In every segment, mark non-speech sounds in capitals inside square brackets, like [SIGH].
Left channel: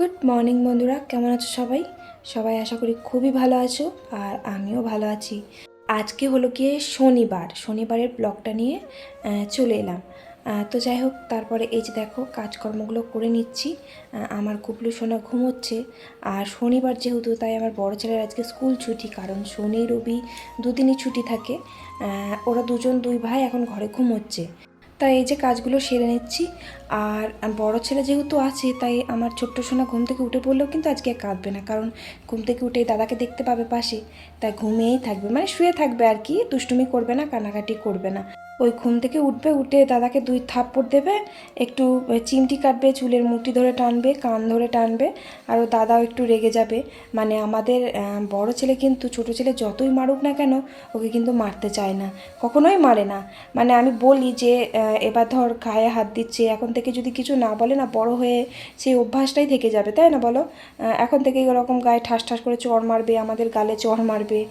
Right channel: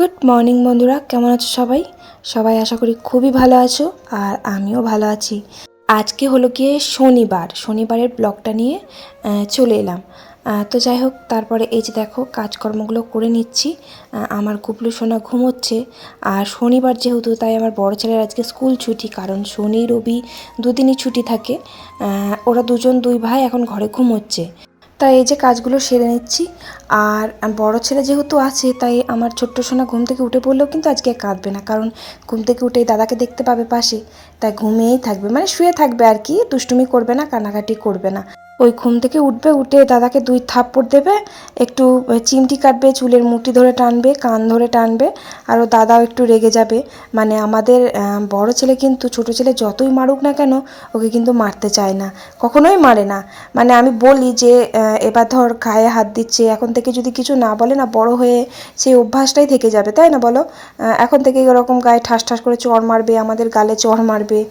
Good morning বন্ধুরা, কেমন আছো সবাই? সবাই আশা করি খুবই ভালো আছো আর আমিও ভালো আছি। আজকে হলো গিয়ে শনিবার, শনিবারের ব্লগটা নিয়ে চলে এলাম। তো যাই হোক, তারপরে এই যে দেখো, কাজকর্মগুলো করে নিচ্ছি। আমার কুবলু সোনা ঘুমোচ্ছে। আর শনিবার যেহেতু, তাই আমার বড় ছেলের আজকে স্কুল ছুটি, কারণ শনি, রবি দুদিনই ছুটি থাকে। ওরা দুজন দুই ভাই এখন ঘরে ঘুমোচ্ছে। তাই এই যে কাজগুলো সেরে নিচ্ছি। আর বড় ছেলে যেহেতু আছে, তাই আমার ছোট্ট সোনা ঘুম থেকে উঠে পড়লেও কিন্তু আজকে কাঁদবে না। কারণ ঘুম থেকে উঠে দাদাকে দেখতে পাবে পাশে। তাই ঘুমিয়েই থাকবে মানে শুয়ে থাকবে আর কি, দুষ্টুমি করবে না, কান্নাকাটি করবে না। ওই ঘুম থেকে উঠবে, উঠে দাদাকে দুই থাপ্পড় দেবে, একটু চিমটি কাটবে, চুলের মুঠি ধরে টানবে, কান ধরে টানবে, আর ও দাদাও একটু রেগে যাবে। মানে আমাদের বড় ছেলে কিন্তু, ছোট ছেলে যতই মারুক না কেন, ওকে কিন্তু মারতে চায় না। কখনোই মারে না। মানে আমি বলি যে এবার ধর গায়ে হাত দিচ্ছে, এখন থেকে যদি কিছু না বলে না, বড় হয়ে সেই অভ্যাসটাই থেকে যাবে, তাই না বলো? এখন থেকে এরকম গায়ে ঠাস ঠাস করে চড় মারবে, আমাদের গালে চড় মারবে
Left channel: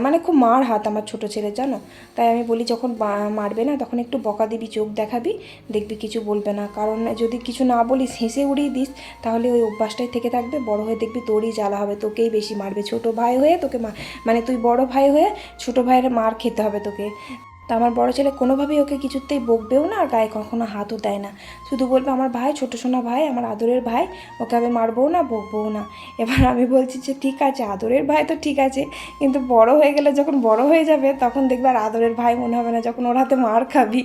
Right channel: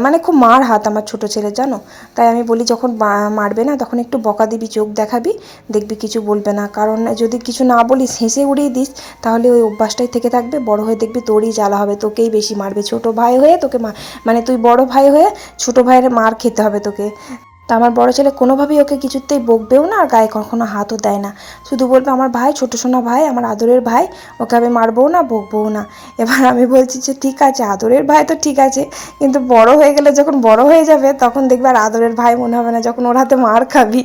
মানে খুব মার হাত আমার ছোট ছেলে, জানো? তাই আমি বলি যখন বা- মারবে না, তখন একটু বকা দিবি, চোখ দেখাবি, দেখবি কিছু বলবে না। কারণ যদি কিছু না বলিস, হেসে উড়িয়ে দিস, তাহলে ওই অভ্যাসটাই থেকে থাকবে। বড় হয়ে দেখবি তোরই জ্বালা হবে, তোকেই বেশি মারবে। ছোট ভাই হয়ে তোকে মানে তুই বড় ভাই হয়ে ছোট ভাইয়ের মার খেতে হবে তোকে। তা আমার বড় ছেলে কোনোভাবেই ওকে কিছুতেই বকবেও না আর গায়ে কখনো হাতও দেয় না। শুধু বলবে, আমার ভাই, ছোটো সোনা ভাই, আমার আদরের ভাই, ওকে আমি মারবও না, বকবও না। এবার আমি বলছি যে, ঠিক আছে, আদরের ভাই তো ঠিক আছে, কিন্তু বড় হয়ে গেলে যখন বড় হয়ে যাবে, তখন দেখবে আর আদরের ভাই মনে হবে না, যখন ওর হাতে মার খাবি।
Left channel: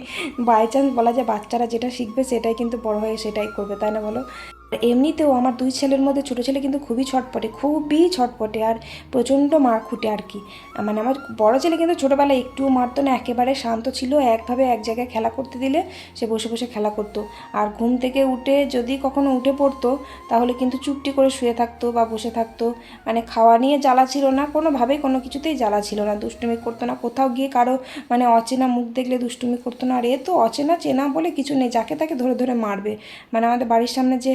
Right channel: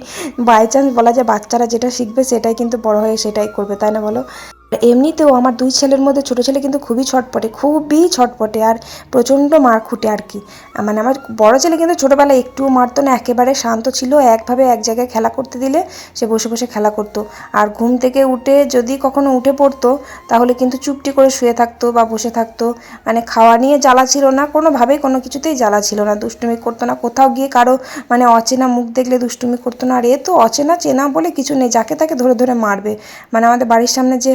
বাই চান্স বলা যায়, বাচ্চারা যেটা শিখবে সেটাই কিন্তু বড় হয়ে সেটাই করবে, তাই না বলো? এমনিতেও আমার দুই ছেলের মধ্যে ছোটো ছেলে কিন্তু খুবই ছটপটে খুবই ছটপটে আর প্রচণ্ড মার খুঁটে আর কি। মানে আমার বড় ছেলে কিন্তু ছোটোবেলায় একটুও মারতো না, একেবারে শান্ত ছিল, একভাবে এক জায়গায় খেলা করতে দিলে সে বসে বসে খেলা করতো। আর ঘুম থেকে উঠে যদি কখনো উঠে পড়তো, তাহলে কিন্তু চুপটি করে শুয়ে থাকতো বা বসে থাকতো। মানে খাওয়া নিয়ে জ্বালা ছিল না, কোনোভাবেই কোনো কিছুতেই জ্বালা ছিল না, দুষ্টুমি করতো না। কোথাও গিয়ে কারও মানে অচেনা মুখ দেখলে দুষ্টুমি করতো না, আর এ তো অচেনা চেনা বলে কিছু নেই, যাকে তাকে ধরে ধরে মারবে। মানে আমাদের বাড়ির সামনে যে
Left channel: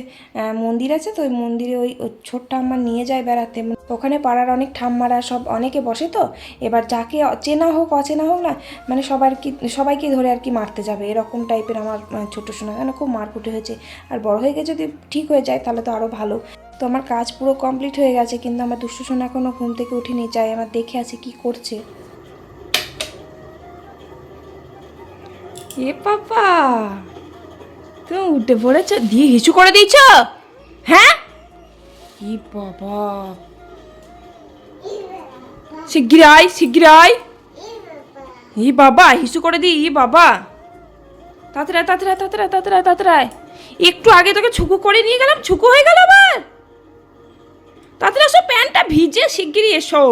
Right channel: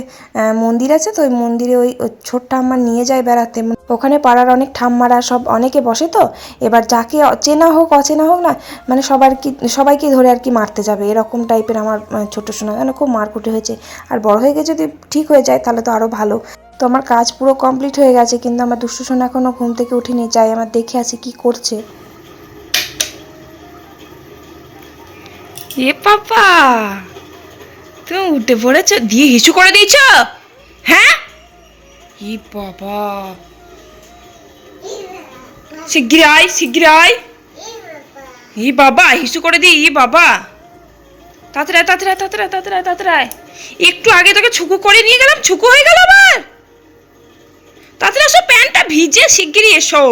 মন্দির আছে তো ওই মন্দিরে ওই ছোট্ট আমার নিয়ে যায় বেড়াতে। ওখানে পাড়ার অনেক ঠাম্মারা সব অনেকে বসে তো এবার যাকে চেনা হোক অচেনা হোক না মানে সবার কি সবাইকে ধরে আর কি মারতে যাবে এরকম টাইপের আমার আহ, ছোট সোনা মানে খুব মারকুটে হয়েছে। আর বড় হয়ে গিয়ে যদি ঠিক হয়ে যায় তাহলে তো আরও ভালো। তো আমার কাজ পুরো কমপ্লিট হয়ে গেছে কিন্তু আমার দুষ্টু সোনা এখনও ঘুম থেকে উঠেনি যাই আমার দেখে আছে কি করছে। এ পাপা! তুমি উঠে পড়েছ। দিয়ে হিসু করে দিয়েছ? হ্যাঁ? ই বাবা। শিগগির আয় শিগগির আয়। ই বাবা হিসু করে দি ই বাবা। তাড়াতাড়ি তাড়াতাড়ি আয়, তাড়াতাড়ি তাড়াতাড়ি একটু আগে তোকে ছুকু করে নিয়ে গেলাম ছুকু হয়ে গেল আবার। তাড়াতাড়ি এসো প্যান্টটা ভিজে শিগগিরই এসো।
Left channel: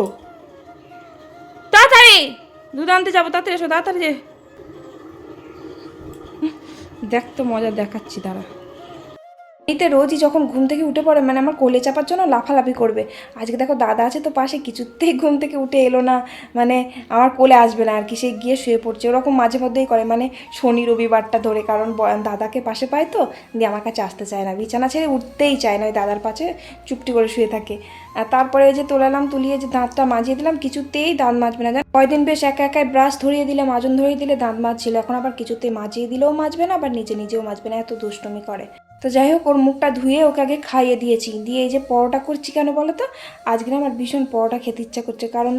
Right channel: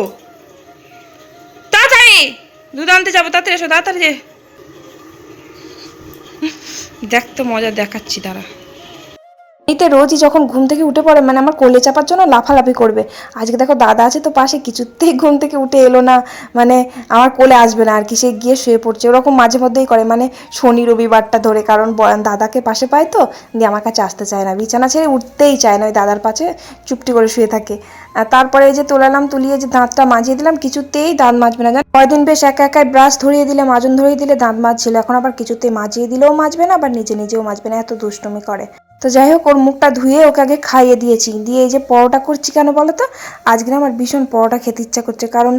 তাড়াতাড়ি দুধ আনতে যাব তাড়াতাড়ি এসো তাড়াতাড়ি দেখ তো মজা দেখাচ্ছি দাঁড়া। এতে রোজই যখন ঘুম থেকে উঠে পড়ে মানে আমার কোলে চাপার জন্য লাফালাফি করবে। আজকে দেখো দাদা আছে তো পাশে, কিছুতেই ঘুম থেকে উঠে এলো না। মানে আমার কোলে আসবে না আর কি, সে গিয়ে শুয়ে পড়ছে। ওরকম মাঝে মধ্যেই করে মানে শনি রবিবারটা ধরে, কারণ দাদাকে পাশে পায় তো, দিয়ে আমার কাছে আসতে চায় না। বিছানা ছেড়ে উঠতেই চায় না, ওই দাদার পাশে চুপটি করে শুয়ে থাকে। তারপরে যে তোলালাম তুলিয়ে যে দাঁতটা মাজিয়ে দিলাম, কিছুতেই দাঁত মাজবে না। জানো কয়দিন বেশ একা একাই ব্রাশ ধরিয়ে দিলে মাজন ধরিয়ে দিলে দাঁত মাজছিল। এখন আবার কিছুতেই মাজিয়ে দিলেও মাজবে না, আবার নিজে নিজেও মাজবে না, এত দুষ্টুমি করে। তো যাই হোক, ওর মুখটা ধুয়ে ওকে আগে খাইয়ে দিয়েছি। দিয়ে এই যে পরোটা করছি কেন বলো তো? আজকে আমার ভীষণ পরোটা খেতে ইচ্ছা করছে। কারণ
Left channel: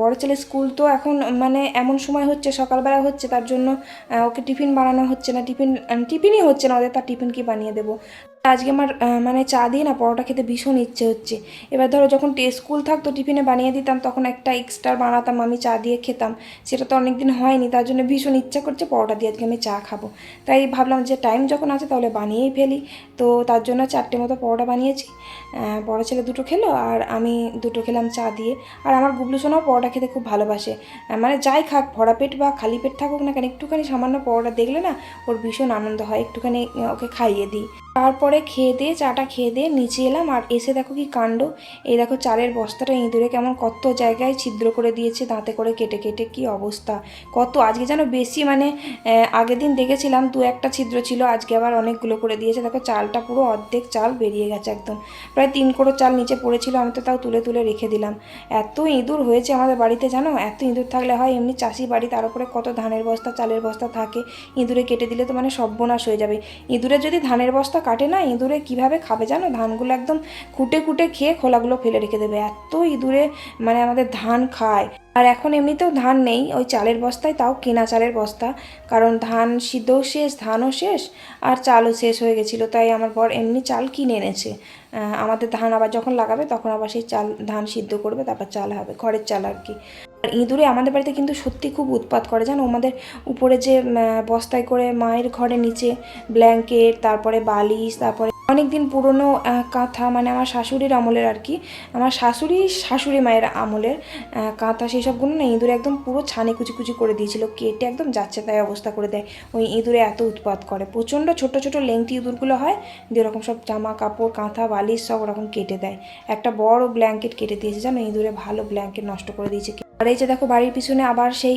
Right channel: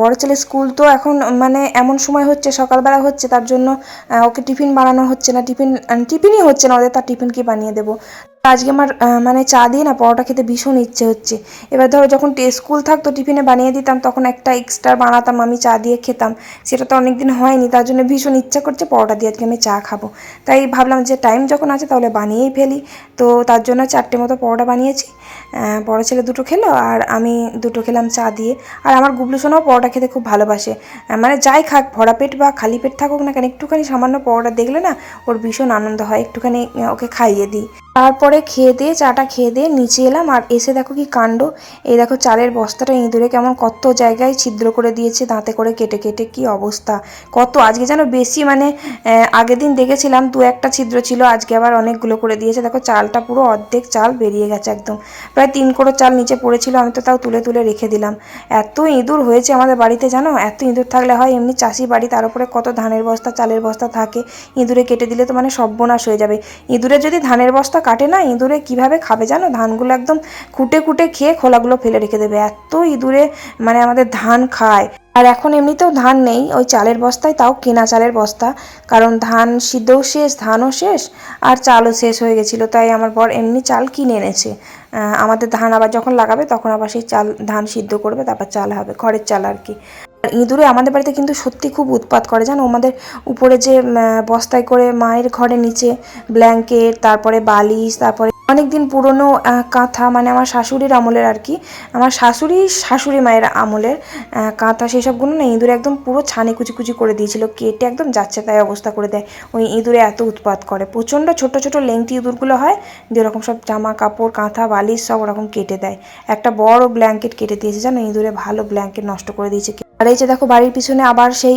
বড়ো ছেলে স্কুল তো এখন মানে এমন সময় হচ্ছে, সকালবেলা হচ্ছে, তার জন্য ওকে টিফিন বানানো হচ্ছে না। টিফিন টিফিনই হচ্ছে না, ওদের তার টিফিন কি বানিয়ে দেবো? আজকে আমার মানে চা দিয়ে না পরোটা খেতে ভীষণ ইচ্ছে হচ্ছে। এবার ধরো যখন স্কুল থাকতো, টিফিনে বানিয়ে দিতাম, তখন একটা এক্সট্রা বানাতাম, আমি চা দিয়ে খেতাম। সেটা তো অনেকদিন হয়নি, তার জন্য ভীষণ ইচ্ছা করছে পরোটা দিয়ে আজকে আমি চা খাব। তাই ভাবলাম যে টাইম যখন আছে তাহলে বানিয়েই ফেলি। তো তার জন্য চারটে মতো পরোটা বানিয়েছি। বড় ছেলে দুটো খেলো, আর আমি দুটো খেলাম চা দিয়ে। আর আমার গুবলু সোনাও পরোটা খেতে খুব ভালোবাসে। মানে যাই খাক, ভরা পেট বা খালি পেট থাকুক না কেন, একটুখানি সামান্য পরোটা দেখলে না ওর ভীষণ আনন্দ হয়, একটুখানি ওকে খাইয়ে দিই। তারপরে খেয়ে দিয়ে, চাটা খেয়ে দিয়ে নিচে এলাম আর এসে দেখো কি কাণ্ড। এই দেখো চালের বস্তাটা ইঁদুরে কেমন কত জায়গায় ছিদ্র করে দিয়েছে, দাঁতে করে কেটে কেটে কি অবস্থা। কত আজকে যেন বেশি মানে আগের দিন দেখেছিলাম দু একটা ছিদ্র ছিল, আজকে আবার অনেকগুলো করে দিয়েছে। দেখো চালটা পুরো অর্ধেক চাল বেরিয়ে গেছে একদম। প্রায় তিন করো চাল নিচে পড়েছিল, আমি তো তাও তুলে তুলে রেখে দিলাম। এত ইঁদুর হয়েছে আমাদের বাড়িতে জানো? এত ইঁদুর থাকলে হয় এমনি চাষি বাড়ি, তার উপরে কত ধানের বস্তা, চালের বস্তা থাকে। ইঁদুরে কেটে দিলে তো মানে সর্বনাশ হয়ে যাবে। ইঁদুরে যদি ধানের বস্তা কাটে না, ইঁদুরে কীভাবে খাবে জানো? ধানগুলো একদম খুঁটে খুঁটে খেয়ে খোলাগুলো ফেলে রেখে দেবে। এত ইঁদুরে মানে আমাদের ধান খায়। আর এখন এমনিতেও ধান নেই, ওই চালের বস্তায়, তাও কেনা চালের বস্তা। কারণ ধান সিদ্ধও শেষ, ধানও শেষ, আর চালও শেষ হয়ে গেছিল। তাই আমার বর এমনি চাল কিনে এনেছে। আমাদের ধান আবার যখন লাগাবে, তখন আবার সেই চাল ধান সিদ্ধ করবে, তারপর চাল হবে খড়ের চাল আর কি। ইঁদুরে আমাদের বাড়িতে কিন্তু সত্যি খুব উৎপাত করে, জানো? আমাদের উপরে যে বস্তায় করে মায়ের ঘরের নিচে ব্ল্যাঙ্কেট, তারপরে বালিশ, তারপরে অনেক দিন পুরনো কাঁথা মানে আমার শাশুড়ির আমলের আর কি, আমার শাশুড়ি শাশুড়ি মায়ের আমলের কাঁথা সেই সবগুলো না ইঁদুরে একদম পুরো ছানে কুচি কুচি করে দিয়েছিল, কেটে একদম যাচ্ছে তাই অবস্থা করে দেয়। ওই ইঁদুরে এত উৎপাত করে, প্রচণ্ড ছোট ছোট লেংটি ইঁদুরগুলো হয় দিয়ে ওরকম সব জামা কাপড়, কাঁথা, বালিশ সব ওরকম কেটে দেয়। একটা বড় ব্ল্যাঙ্কেট কেটে দিয়েছে, জানো? ইঁদুরে ভালো ব্ল্যাঙ্কেট নষ্ট করে দিয়েছে। আর এই যে দেখো বাড়ির পিছনে আবার সেই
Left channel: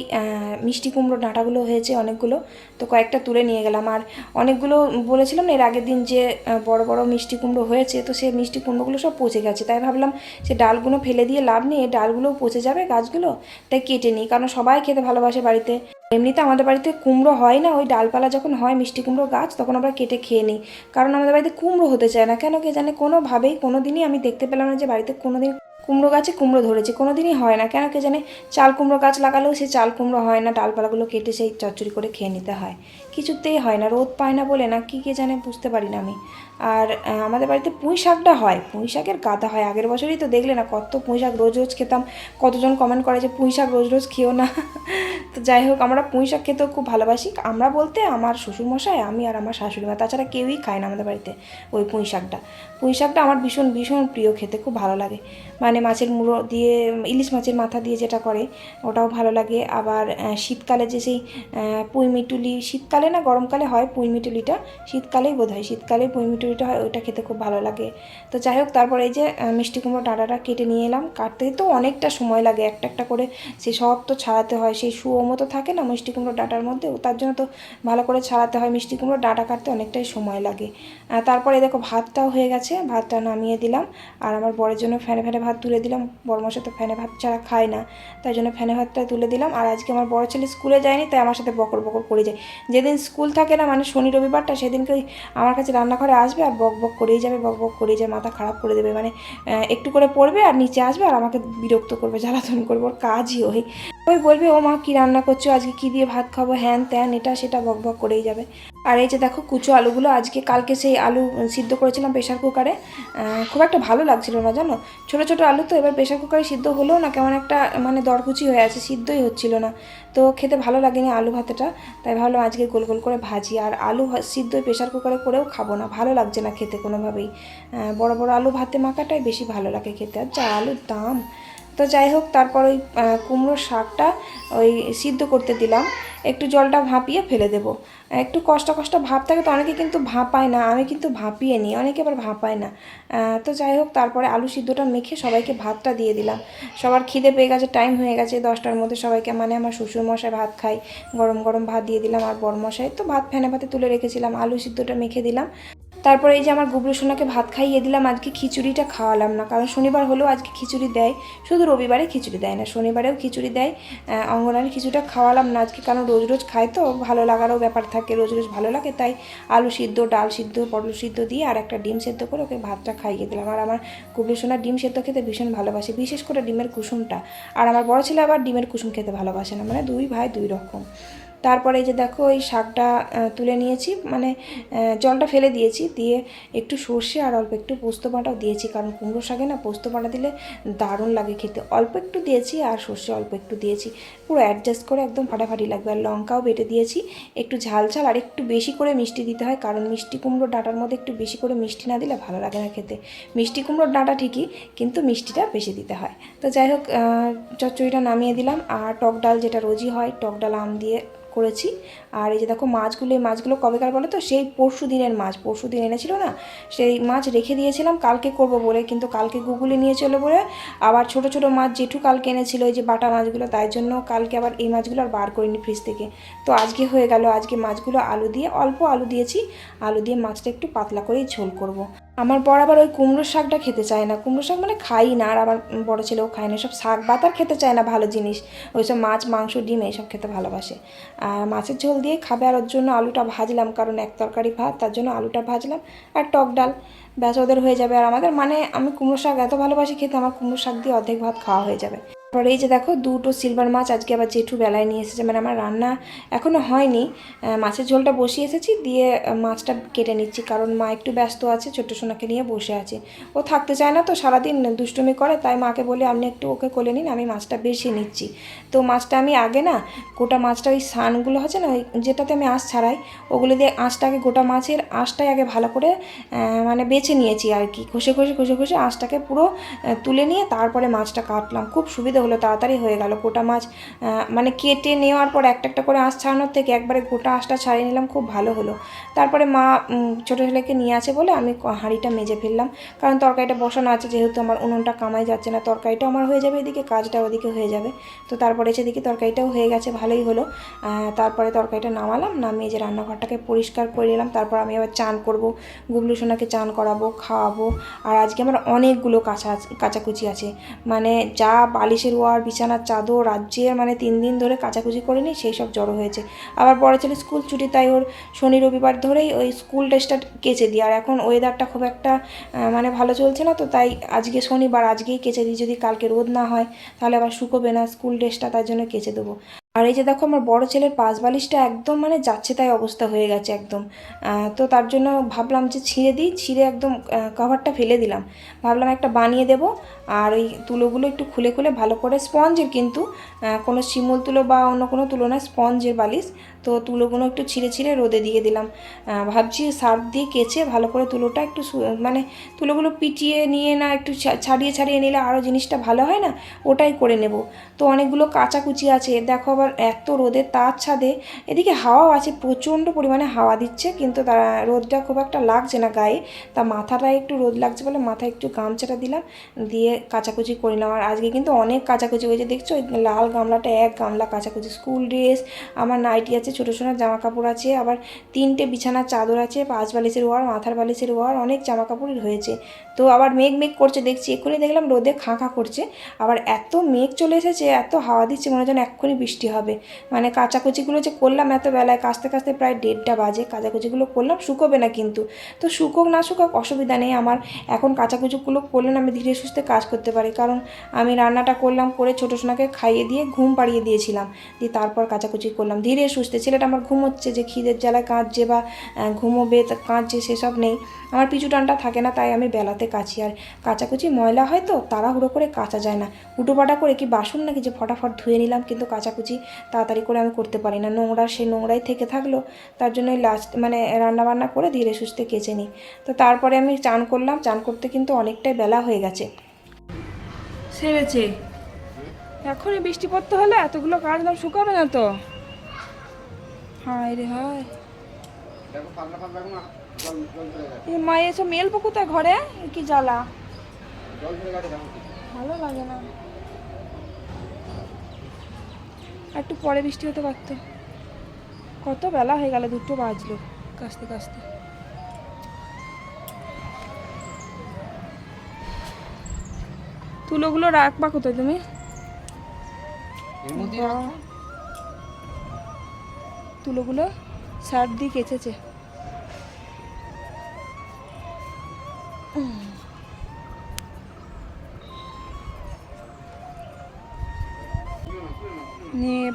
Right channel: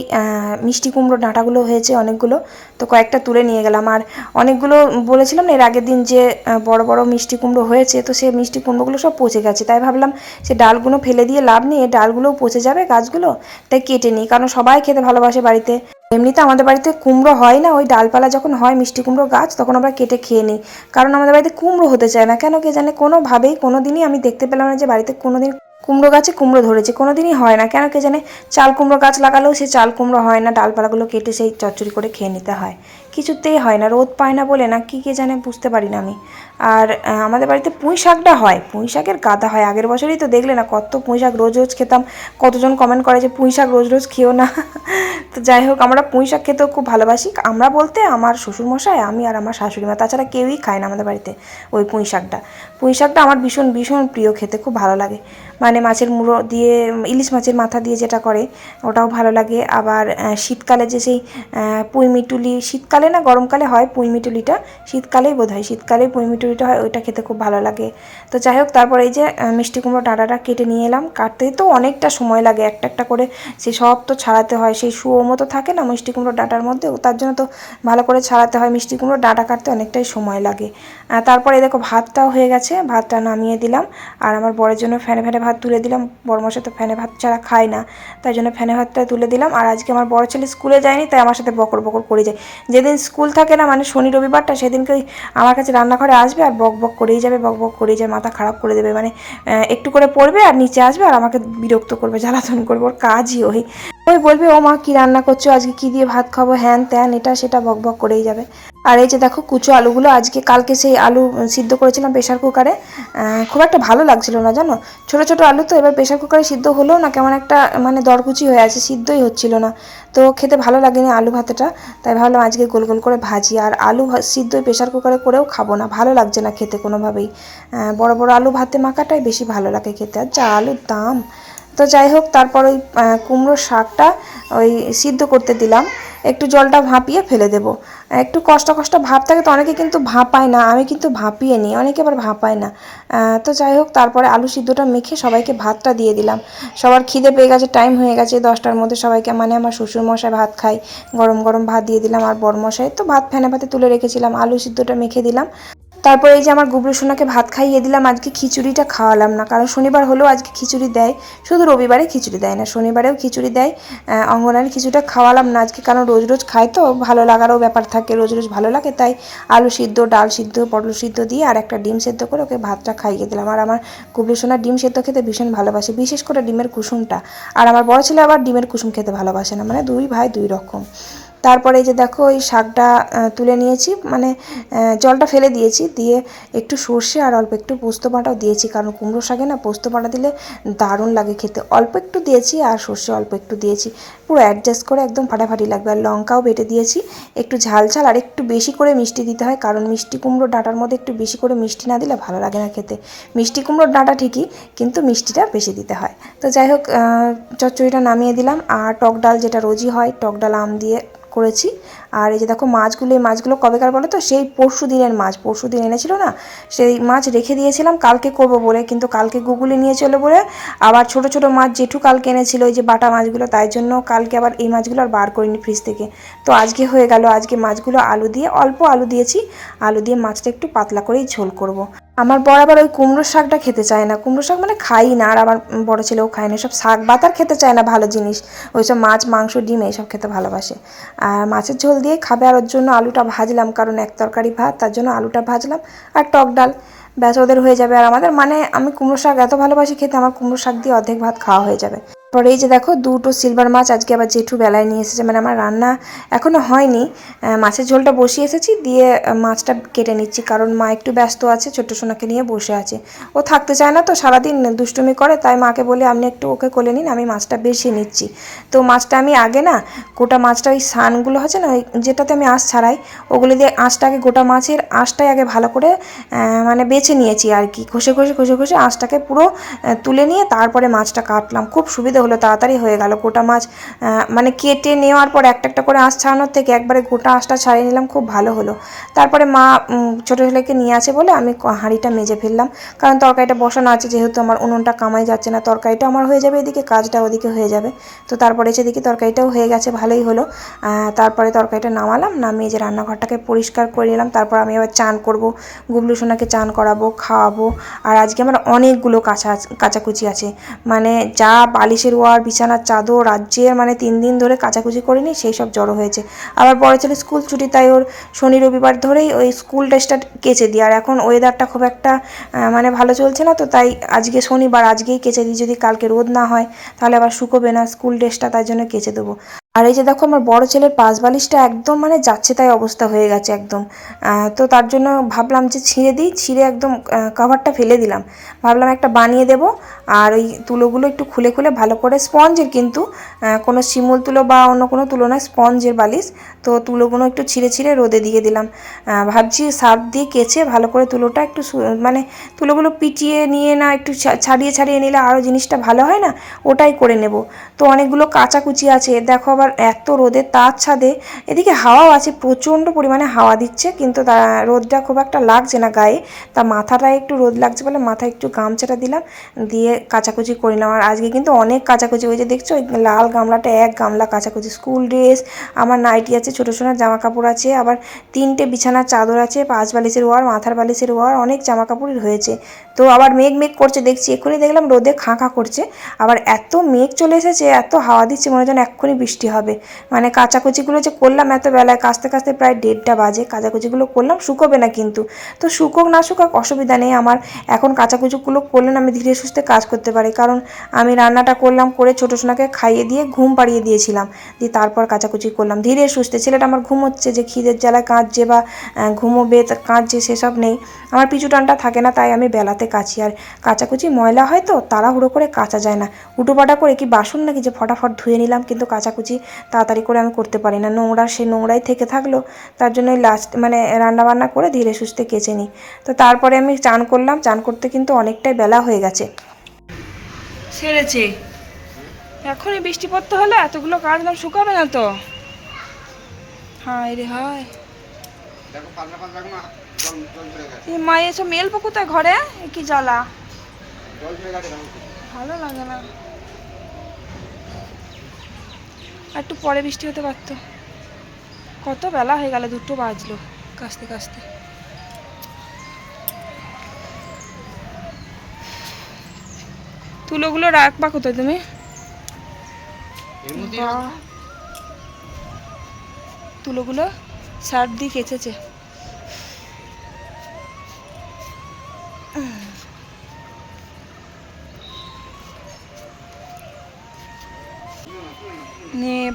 মিষ্টি কুমড়ো ডাঁটাগুলো হয়েছে অনেকগুলো। তো কয়েকটা তুলে নিয়ে গেলাম। আর অনেকগুলো বলেছিলাম না, এর আগের দিন যে বড় বড় মিষ্টি কুমড়ো হয়েছে, তো সেই মিষ্টি কুমড়োগুলো সব পচে গেছে। তাই ভাবলাম সে ডালগুলো ফেলে দিয়ে লাভ নেই ডালগুলোও পচে যাবে গাছগুলো, তাই কেটে নিই। কারণ সবাই খেতে ভালোবাসে বাড়িতে। এমনিতে আমাদের বাড়িতে কুমড়ো হয় না, ওই ডালপালা যখন হয় মিষ্টি কুমড়ো গাছ, তখন আমরা কেটে খেয়ে নিই। কারণ আমাদের বাড়িতে কুমড়ো হতে চায় না। কেন কে জানে? কোনোভাবেই কোনো দিনই আমি দেখতে পেলাম না যে বাড়িতে কোনো দিন কুমড়ো গাছে কুমড়ো ধরেছে কোনো দিনই হয় না। কেন কে জানে? চাল কুমড়ো গাছ লাগালেও সে চাল কুমড়ো হয় না, ডালপালাগুলো কেটে সেই চচ্চড়ি করে খেয়ে নিতে হয়। কিছুতেই হয় না, রোদ পায় না বলে না, কি কে জানে বুঝতে পারি না আমি। আর আমাদের বাড়িতে পুঁই শাকটা হয়, পুঁই শাকের গাদা হয়। আগের বছরই তো দেখলে না, কত পুঁই শাক রোজ রোজ খেতাম। কতজন কমেন্ট করে যে, পুঁই শাক রোজ রোজ খেও না। [LAUGHS] তো যাই হোক, আমরা পুঁই শাক খেতেও খুব ভালোবাসি। আমরা বলতে আমার শ্বশুরমশাই, আমি আর আমার শাশুড়ি মা, তাছাড়া কেউই খায় না আমাদের বাড়িতে ওই পুঁই শাকটা। পুঁই শাকটা আমার ভীষণ ভীষণ প্রিয়, খেতে খুব ভালো লাগে। মানে মাছের মুড়ো দিয়ে ইলিশ মাছের মাথা দিয়ে যেটা করে ওটাও ভালো লাগে। আবার শীতকালে যে সেই আহ, পুঁই মিটুলি শীতকালে না গরমকালে হয় পুঁই মিটুলিটা শীতকালেই বোধ হয় শীতকালেই পুঁই মিটুলিটা হয় ওইটা খেতে খুব ভালো লাগে। তো যাই হোক তারপর এই যে মিষ্টি কুমড়ো ডাঁটাটা কেটে নিয়ে এলাম। কাটতে তো অনেকটা সময় লাগে একটা একটা করে সে সব তো ছাড়াতে হয়। সেই শুয়ো মতো থাকে না মিষ্টি কুমড়ো ডাঁটার মধ্যেও তার জন্য তো ভালো করে ছাড়াতে হয়। মিষ্টি কুমড়ো ডাঁটা কাটতে অনেকটাই সময় লাগে। তারপরে দেখো ভাতটাও হয়ে গেছে ভাতটা নামিয়ে দিলাম। আর আমার বরের জন্য ফ্যানে ফ্যানে ভাত তুলে দিলাম। বরমশা তো ফ্যানে ভাত ছাড়া খায় না। তাই জন্য ফ্যানে ভাতটা তুলে দিলাম। আর আজকে আমার বড় ছেলে স্কুলে যায়নি, তাই আমার সাথে বকর বকর করে যায়। যেদিন স্কুল থাকে না মানে শনি রবিবারটা, সেদিনকে আমার কাছে রান্নাঘরে আসবে আর বক বক করেই যাবে, বক বক করেই যাবে মাথা খারাপ করে দেবে। মানে একটু করে পড়বে আর নিচে আসবে আর আমাকে বিরক্ত করবে, জ্বালাতন করবে, ওর কাজই ওই। ওই বলবে, ও মা, কী রান্না করছ? আজকে কী দিয়ে ভাত খাব? হ্যান ত্যান, এটা সেটা বক বক করেই যাবে। আর এই যে দেখো কুচো আলুগুলো, আজকে কালকে সেই আলু সিদ্ধ করেছিলাম প্রেশার কুকারে। খুব একটা ভালো লাগছিল না, জানো? ছোটো ছোটো আলু তো এবার প্রেশার কুকারে সিদ্ধ হলেও না কেমন একটা মানে দরকুচি হয়ে আছে, সিদ্ধই হচ্ছিল না। তো খেতে ভালো লাগেনি আলু ভাতেটা, তাই ভাবলাম আজকে গোল গোল করে ভাজি। আর আলু সিদ্ধ প্রেশার কুকারে করেও খাব না, ভালো লাগছে না খেতে কোনোভাবেই। বড় বড় আলু ভাতে মাখাটাই বেশি ভালো লাগে খেতে। আর যা আলুর দাম তো যাই হোক তারপর ওই আহ, কুমড়োর শাকটা ওই সিদ্ধ করতে দিলাম। একটু জলটা ভাপিয়ে ফেলে দেব। একটু কষ্ট কষ্ট ভাব থাকে তো অনেকে কিন্তু ভাপায় না আমি কিন্তু ভাপিয়ে নিই অনেকে আবার ভাপায় না। তো যাই হোক তারপরে আলু সিদ্ধটা মেখে সবাইকে ভাতটা দিয়ে দিলাম। সবার খিদে পেয়ে গেছে টাইম হয়ে গেছে দশটার মধ্যে সবাইকে মানে আমার শ্বশুর মশাই ভাত খাই গরম গরম ভাত দিয়ে দিলাম আর বড় মশাই তো ভাত ফ্যানে ভাতে তুলে রেখেছিলাম আলু সিদ্ধটা মেখে দিলাম। তারপরে এই যে আমার গুবলু সোনাকে ভাত খাইয়ে দিলাম, আজকে খিচুড়িটা খাওয়ালাম না। কারণ শনিবার হলেও আজকে খিচুড়ি দেয়। শুধু রবিবারে খিচুড়ি দেয় না, শনিবারেও খিচুড়ি দেয়। অঙ্গনারী খিচুড়িটা খাওয়ালাম না আজকে, কারণ রোজ রোজ খায় তো, ভালো লাগারও ব্যাপার থাকে, রোজ রোজ ভালো লাগে। তাই আলু সিদ্ধ, ডাল সিদ্ধ, পটল সিদ্ধ দিয়ে আর একটা ডিম সেদ্ধ করে ওকে ভাতটা খাইয়ে দিলাম। আর আমার গুবলু সোনা ডিম সেদ্ধ খেতে ভীষণ ভালোবাসে, বিশেষ করে ডিমের কুসুমটা। আর আমার বড় ছেলে আবার ডিমের কুসুম খেতে ভালোবাসে না মানে দুই ভাই দুই রকম। তারপরে যে দেখো, এই শাকটা তুলে নিয়েছি। মানে জলটা ফেলে দিয়েছি। দিয়ে একটু সর্ষে আর অল্প একটু পোস্ত বাঁটাও দিয়েছি। কারণ কুমড়ো শাকে না পোস্ত বাটা দিলে দারুণ লাগে খেতে। অল্প একটু দিয়েছি আর সর্ষে অল্প একটু দিয়েছি। পুরো অ্যাডজাস্ট করে একদম ফাটাফাটি লাগবে। আর লঙ্কাও বেটে দিয়েছি। একটু ঝাল ঝাল আর একটু বেশি করে মিষ্টি দিতে হয়। কারণ মিষ্টি কুমড়ো ডাঁটার মধ্যে একটু বেশি করে মিষ্টি না দিলে ভালো লাগে না খেতে। মিষ্টি কুমড়োর ডাঁটা ঠিকই, কিন্তু মিষ্টিটা বেশি দিতে হয়। তো যাই হোক চচ্চড়িটা নামিয়ে দিলাম। আর টক ডাল যেটা রোজই হয়, টক ডাল আম দিয়ে করেছি। আর এই যে দেখো মাছগুলো, এই মাছগুলো কবেকার বলো তো? সেই পরশু দিনের মাছ, পরশু দিন এনেছিল না? সেই মাছ রেখে দিয়েছিলাম, কালকে করব বলে, কিন্তু কালকে গুগলে নিয়ে চলে বলে। আবার ছোট ছোট মাছ জেঠু কালকে এনেছিল ওই যে বাটা মাছগুলো, তাই জন্য কালকে আবার এই মাছগুলো আর বার করিনি ফ্রিজ থেকে। তো আজকে হয়ে গেল, আজকে মাছগুলো আলু দিয়ে, অল্প আলু দিয়েছি। আলু দিয়ে মাছটা একটু পাতলা করেই ঝোল করব। আমার বর আবার ওই কুমড়োর শাকটা খেতে চায় না। কুমড়ো শাক মানে খাই না, আর আমার বড় ছেলেও খায় না। সব শাক, বাতার খেতে চায় না ভালো জিনিস। ওই সব মাছ, মাংস, ডিম এইসব খেতে ভালোবাসে। আর মাছের ঝোল দিয়ে খাবে, আর ওর জন্য আলুটা ভাজলাম, কারণ এক তরকারি ভাত, তার জন্য আলুটা ভাজলাম আর টক ডাল। ব্যাস, ওদের হয়ে যাবে। আর আমাদের মানে আমি কুমড়ো শাক এত ভালোবাসি খেতে, আমার কুমড়ো শাক দিয়ে অর্ধেক ভাত খাওয়া হয়ে যাবে। পরে এই যে দেখো, দুটো সিলভার মাছ আজকে আবার জেঠু বেলায় নিয়ে এসেছে। মানে আমার রান্না এখনও হয়নি। মাছের ঝোলটা বসিয়ে এসেছি, দিয়ে মাছটা কেটে নিচ্ছি, কারণ মা একটু ব্যস্ত আছে, ছোট্ট সোনাকে নিয়ে বসে আছে। ও থাকতে চায় না তো সারাদিন দুষ্টুমি করে, তাই মাকে বলে, আপনি একটু ওকে কোলে নিন, আমি মাছটা বেশি নিচ্ছি। তো মাছটা আমি আগে না, গোটা মাছটা ওই সানগুলো আছে না, ওই যেটাতে আমি আঁশ ছাড়াই, ওগুলো দিয়ে আঁশটাকে গোটা মাছের আঁশটাই আগে ভালো করে মানে বেছে নিয়েছি আর কি। ঘষে ঘষে ঘষে ঘষে আঁশটাকে পুরো তুলে নিয়ে তারপরে মাছটা কাটলাম। খুব সুবিধা হলো তাড়াতাড়ি হয়ে গেল গোটা মাছ মানে কেটে নেওয়ার পর একটা একটা করে আঁশ ছাড়ানোর থেকে একবারে গোটা আঁশটা ছাড়িয়ে নিলাম, খুব ভালো হলো। তারপরে মা ছোটো ছেলেকে নিয়ে আছে বলে আমি হাঁড়িটা মেজে ফেললাম। কারণ তরকারিটা বসানো আছে, যেহেতু আমার উনুনটা কামাই যাচ্ছে না, তরকারিটা আমার হয়ে যাবে এদিকে, কাজটা ওদিকে হয়ে যাবে। তো তারপরে এসে দেখি তরকারিটাও হয়ে গেছে, ভালোই হলো। তারপরে তরকারিটা নামালাম, নামিয়ে যে রান্নাঘরটাকে পরিষ্কার করে নিলাম, তারপর আমি আবার চান করব। গুবলু সোনাকে চান করাবো, খাওয়াবো। আর আজকে আমার অনেকগুলো কাঁচা, কাচাকুচি আছে। মানে যা বালিশের ওয়ার, বিছানার চাদর, রাজ্যের মানে তিন দিন ধরে কাচাকুচি করিনি, সেই সব জড়ো হয়েছে। আবার পরে ছেলে স্কুল ছুটি, তাই ওর শনি রবিবার ধরেই ওই স্কুল ড্রেসটা কেচে দিই। আর এখন ওয়েদারটা খুব একটা মানে ভালো চলছে না, তো তাই আজকে শনিবার, আজকেই কেচে দিই। যদি কালকে রোদ না হয়, তাহলে আবার শুকোবে না স্কুল ড্রেসটা, তাই জন্য কেচে দেবো। আর এই যে দেখো আমার বড় ছেলের পাশ বালিশটা একদম মানে যাচ্ছে তাই অবস্থা হয়ে গেছে একদম। তো তার জন্য ভাবলাম যে ছিঁড়ে দিই, ছিঁড়ে একদম কাভারটা ফেলে দিলাম। ভাবলাম একটা বানিয়ে দেব, আর ওই তুলোগুলো একটু খুলে খুলে ভালো করে স্পঞ্জের কিন্তু কোনো শিমুল তুলো বা অন্য কোনো তুলো না স্পঞ্জের বালিশ তো তুলোগুলো একটু ছিঁড়ে ছিঁড়ে রোদে দিয়ে দিলাম। ভাবছি সার্ফ দিয়ে কেচে ভালো করে তুলোটা একটু মানে তুলোগুলো পিটিয়ে নিয়ে না একটু ছাড়িয়ে ছাড়িয়ে নিলে আরও জিনিসটা ভালো হয় না, ওটাই করে নেব। তো অনেকগুলো কাচাকুচি আছে, দেখো আবার এত রোদের তার ছাদে, এদিকে হাওয়াও আছে, প্রচণ্ড পরিমাণে হাওয়া দিচ্ছে, কিন্তু তা রোদটা খুব একটা লাগছে না গায়ে। তা মাথাটায় একটু রোদ লাগছে বলে মাথায় একটু গামছাটা দিলাম, দিয়ে কাচাকুচি করে নিলাম। আর আজকে কিন্তু অনেক কাচাকুচি ওই যে দেখছ লাল গামলাটা, এক গামলা কাচাকুচি, স্কুল ড্রেস, আমার নাইটি আছে ছোটো ছোটো জামা কাপড় আছে, আবার তিনটে বিছানার চাদর আছে, পাঁচ বালিশের ওয়ার, মাথার বালিশের ওয়ার, অনেক জামা কাপড় হয়েছে। তো আবার মেঘ মেঘ করছে, দেখছি এক্ষুনি দেখলাম রোদে খাঁ খাঁ করছে। আবার এত মেঘ চলে এসেছে, এত হাওয়া দিচ্ছে, মনে যেন এক্ষুনি বৃষ্টি হবে। মানে কাচাকুচিগুলো যে করলাম এত বেলায় কাস্তে কাস্তে প্রায় দেড়টা বাজে। কাচাকুচিগুলো করলাম, শুকোবে না কিন্তু। তো শুকোক না শুকোক অসুবিধা নেই আমার। এখন কাচাকুচিগুলো করলে আমি ধীরে সুস্থে কাজ করতে পারি। কারণ আমি রান্নাটা করলাম, করে ছোটো সোনাকে খাইয়ে দিয়ে ঘুম পাড়িয়ে দিয়েছিলাম। দিয়ে তারপর কাচাকুচি করলাম। ধীরে সুস্থে, ছেলেটা আমার ঘুমোচ্ছে যে খিদের জ্বালায় কাঁদছে বা ঘুমোবে কাঁদছে সেসব নেই। আমার পিছু টানটা থাকে না, তাই আমি বেলাতে কাচি। আর কাচাকুচি ময়লা হয় তো তাড়াহুড়ো করে কাচা যায় না। উটোপাটা করে কি বাসন নাকি যে ফটাফট ধুয়ে নিলাম কিন্তু কাচাকুচি তাড়াতাড়ি করে আমি করতে পারি না। নোংরা সে নোংরাই থেকে থাকল তার জন্য লাস্ট মানে রান্না বান্না করে ধীরে সুস্থে কেচে নিই। তো তারপরে আমি চান করলাম চান করতে কিন্তু অনেকটাই বেলা হয়ে গেছে। সেরেছে। এখনই বৃষ্টি পড়তে হলে এতগুলো কাটলাম শুকাবে না তো। হায় রে হায়। দেখো পাতলা পাতলা কোনো মা এসব মেলবো কোথায়? ঘরে? কি জ্বালা? ভালো লাগে না। একটু পরে বৃষ্টি হতে পারতো। কত বেলা হয়ে গেল দুটো বাজলো কাস্তে কাস্তে তুলোগুলো রাখবা কোথায় তুমি? তুলোগুলো সার্ফ দিয়ে কেচেছে।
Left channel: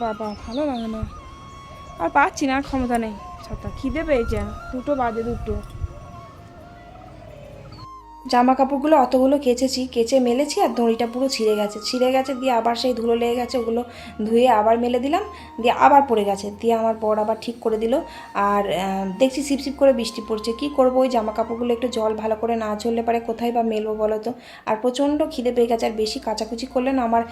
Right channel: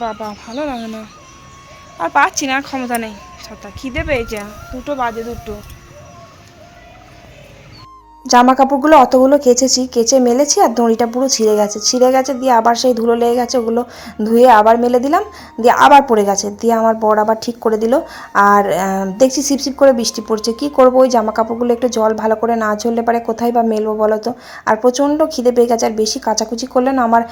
বাবা, ভালো লাগে না। আর পাচ্ছি না, ক্ষমতা নেই। সত্যা খিদে পেয়েছে, দুটো বাজে দুটো। জামা কাপড়গুলো অতগুলো কেচেছি, কেচে মেলেছি আর দড়িটা পুরো ছিঁড়ে গেছে। ছিঁড়ে গেছে দিয়ে আবার সেই ধুলো লেগে গেছে, ওগুলো ধুয়ে আবার মেলে দিলাম, দিয়ে আবার পড়ে গেছে। দিয়ে আমার বর আবার ঠিক করে দিল। আর দেখছি সিপসিপ করে বৃষ্টি পড়ছে। কি করব, ওই জামা কাপড়গুলো একটু জল ভালো করে না ঝরলে পারে কোথায় বা মেলবো বলো তো? আর প্রচণ্ড খিদে পেয়ে গেছে, আর বেশি কাচাকুচি করলে না আমার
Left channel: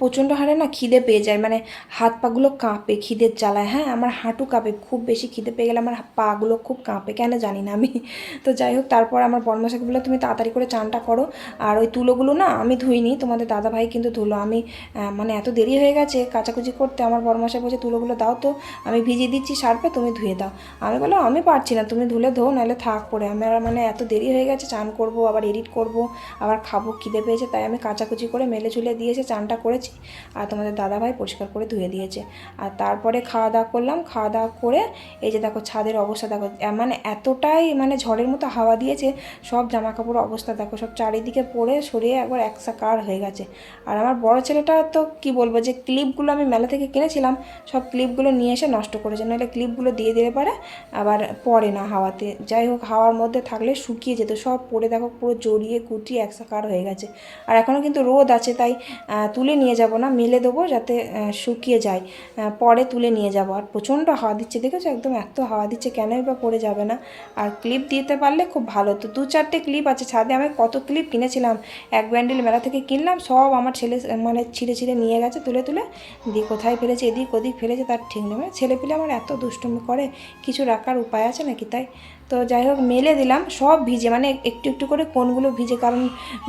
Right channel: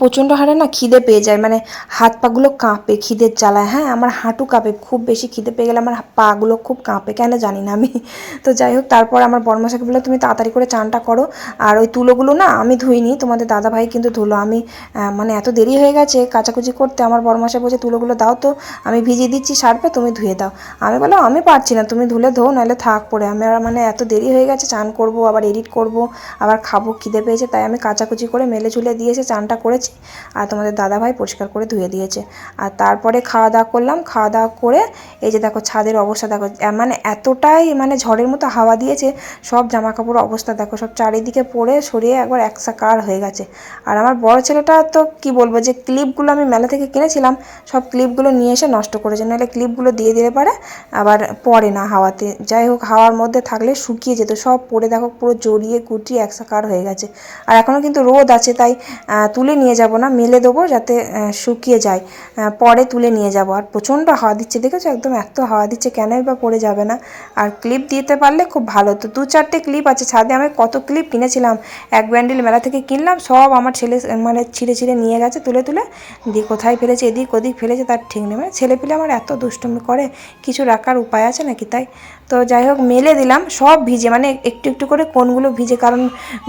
প্রচণ্ড হারে না খিদে পেয়ে যায় মানে হাত পাগুলো কাঁপে, খিদের জ্বালায়। হ্যাঁ আমার হাঁটু কাঁপে, খুব বেশি খিদে পেয়ে গেলে আমার পাগুলো খুব কাঁপে, কেন জানি না আমি। তো যাই হোক, তারপর আমার বর্মশাকে বলল তুমি তাড়াতাড়ি করে চানটা করো। আর ওই তুলোগুলো না আমি ধুইনি, তোমাদের দাদা ভাই কিন্তু ধুলো। আমি মানে এত দেরি হয়ে গেছে কাচাকুচি করতে, আমার বর্মশা বলছে, তুলোগুলো দাও তো, আমি ভিজিয়ে দিচ্ছি সার্ফে, তুমি ধুয়ে দাও। আমি বললাম, আমি পারছি না, তুমি ধুলে ধো, নাহলে থাক পড়ে আমি আর মানে এত দেরি হয়ে গেছে, চান করব, আবার এডিট করব, আবার খাব, খিদে পেয়েছে, তাই আমি কাচাকুচি করে মেলে ঝুলে দিয়েছে চানটা করেছি। আর তোমাদের দাদা ভাই পরিষ্কার করে ধুয়ে দিয়েছে। আর তারপরে খাওয়া দাওয়া করলাম। খাওয়া দাওয়া করে এই যে দেখো ছাদের অবস্থা দেখো মানে এতটাই মানে ঝড়ের মতো হাওয়া দিয়েছে, সব জামা কাপড় অবস্থা দেখো, সব চারিদিকে পড়ে সরিয়ে একবার একসাকার হয়ে গেছে। আর আমার বড় ছেলেটা তো কি বলব যে ক্লিপগুলো আমি মেলা থেকে কিনেছিলাম, সব ক্লিপগুলো নিয়ে এসে নষ্ট করেছে। নাহলে ক্লিপগুলো দিয়ে দিলে পারে, আবার পড়ে না হাওয়াতে। যাই হোক, হাওয়ার মধ্যে থাকলে শুকিয়ে যেত, সব পড়ে দেখো পুরো জড়িয়ে কুটিয়ে গুটিয়ে একসাকার হয়ে গেছে। আর এখনও কিন্তু রোদ আছে, তাই তুলে নিয়ে যাব না, মেলে দেবো যাতে শুকিয়ে যায়। পরে তুলে নিয়ে যাব। আর প্রচণ্ড হাওয়া দিচ্ছে, দেখেছ? একদম এত হাওয়া দিচ্ছে, কেনই বা পড়ে যাবে না। আর ক্লিপ দিতে পারলে খুব ভালো। তো দু চারটে ক্লিপ আছে, ছাদে আমি কত ক্লিপ কিনেছিলাম। এক ব্যান্ডেল মেলা থেকে কিনলাম, সব আমার ছেলে মানে ছিঁড়ে ছিঁড়ে নিয়ে গেছে, তুলে তুলে। দিয়ে কোথায় ফেলেছে, এদিক ওদিক ফেলেছে, তার ঠিক নেই। মানে ছেলে পেলে আমার এত দুষ্টুমি করে, কিছু রাখার উপায় আছে নাকি তাই? তো যাই হোক, মেলে দিলাম। সব ভিজে মানে একটু একটু করে কোনগুলো ভিজে, কারণ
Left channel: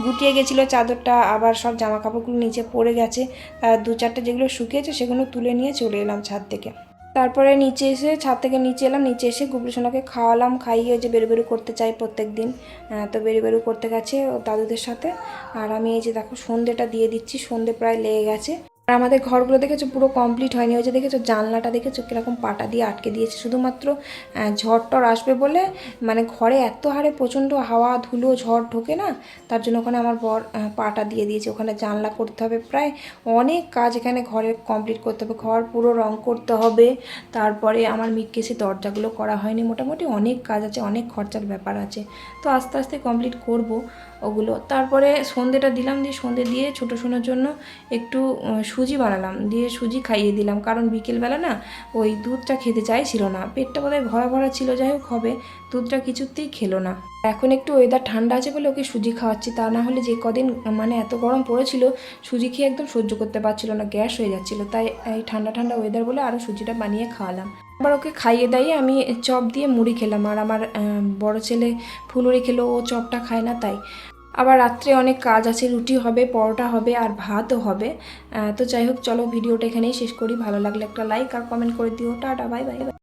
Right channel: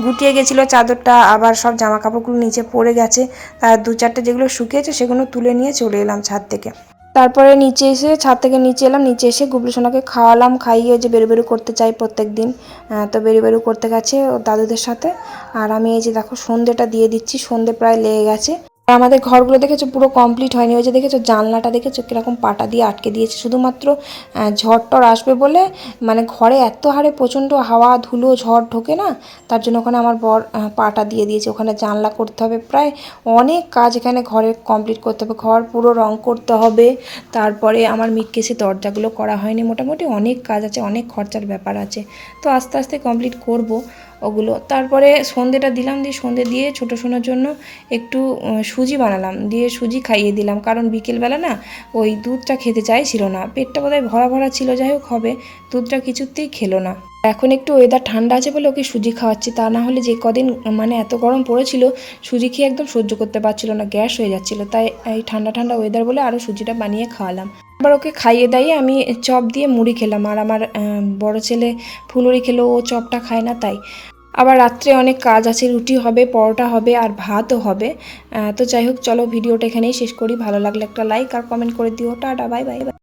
গুটিয়ে গেছিল চাদরটা, আবার সব জামা কাপড়গুলো নিচে পড়ে গেছে। তার দু চারটে যেগুলো শুকিয়েছে, সেগুলো তুলে নিয়ে চলে এলাম ছাদ থেকে। তারপরে নিচে এসে, ছাদ থেকে নিচে এলাম। নিচে এসে গুবলু সোনাকে খাওয়ালাম, খাইয়ে যে বেরু বেরু করতে চাই প্রত্যেক দিন তো বেরু বেরু করতে গেছে দাদুদের সাথে। আর আমি এই যে দেখো, সন্ধেটা দিয়ে দিচ্ছি, সন্ধে প্রায় লেগে গেছে। আমাদের ঘরগুলো দেখেছ পুরো কমপ্লিট হয়নি। ওই যে দেখেছ জানলাটা দেখেছ কীরকম পাটা দিয়ে আটকে দিয়েছে। শুধুমাত্র ঝড় টর আসবে বলে মানে ঘরে এত হারে প্রচণ্ড হাওয়া, ধুলো, ঝড় ঢোকে না, তার জন্য ওখানে আমার বর পাটা দিয়ে দিয়েছে। ওখানে জানলা করতে হবে। প্রায় অনেক কাজ এখানে ঘরে কমপ্লিট করতে হবে। ঘর পুরো রং করতে হবে। তারপরে আমার মিটকেসে দরজাগুলো করা হয়নি। মোটামুটি অনেক কাজ আছে, অনেক খরচার ব্যাপার আছে। তো আস্তে আস্তে কমপ্লিট করব। ওগুলো। তারপরে সন্ধেটা দিলাম দিয়ে সন্ধে দিয়ে ছোটো সোনার জন্য একটু সুজি বানালাম। দিয়ে সুজি খাইয়ে দিলাম। কারণ বিকেলবেলা না ওই দুধটা খেতে চাইছিল না। পেটটা বোধহয় ভরা ভরা ছিল, যাই হোক হবে। দুধটা কিছুতেই খেলো না। এখন একটু ওয়েদার ঠান্ডা আছে বলে ওকে সুজি খাওয়াচ্ছি। তা না হলে যে কদিন মানে এত গরম পড়েছিল, সুজি খেয়ে একদম সহ্য করতে পারছিল না, গ্যাস হয়ে যাচ্ছিল। তাই এই ঠান্ডা ঠান্ডা ওয়েদার বলে আরও সুজিটা বানিয়ে খাওয়ালাম। এবার ওকে খাইয়ে দাইয়ে আমি চপ দিয়ে মুড়ি খেলাম। আর আমার বড় ছেলে ফুলুরি খেলো, ও চপটা খায় না তাই। আবার রাত্রে অনেক কাজ আছে, রুটি হবে, পরোটা হবে আর ভাতও হবে। তো যাই হোক, চলো ভিডিওটা এখানেই শেষ করি। ভালো লাগলে একটা লাইক আর কমেন্ট করে দিও। Tata bye bye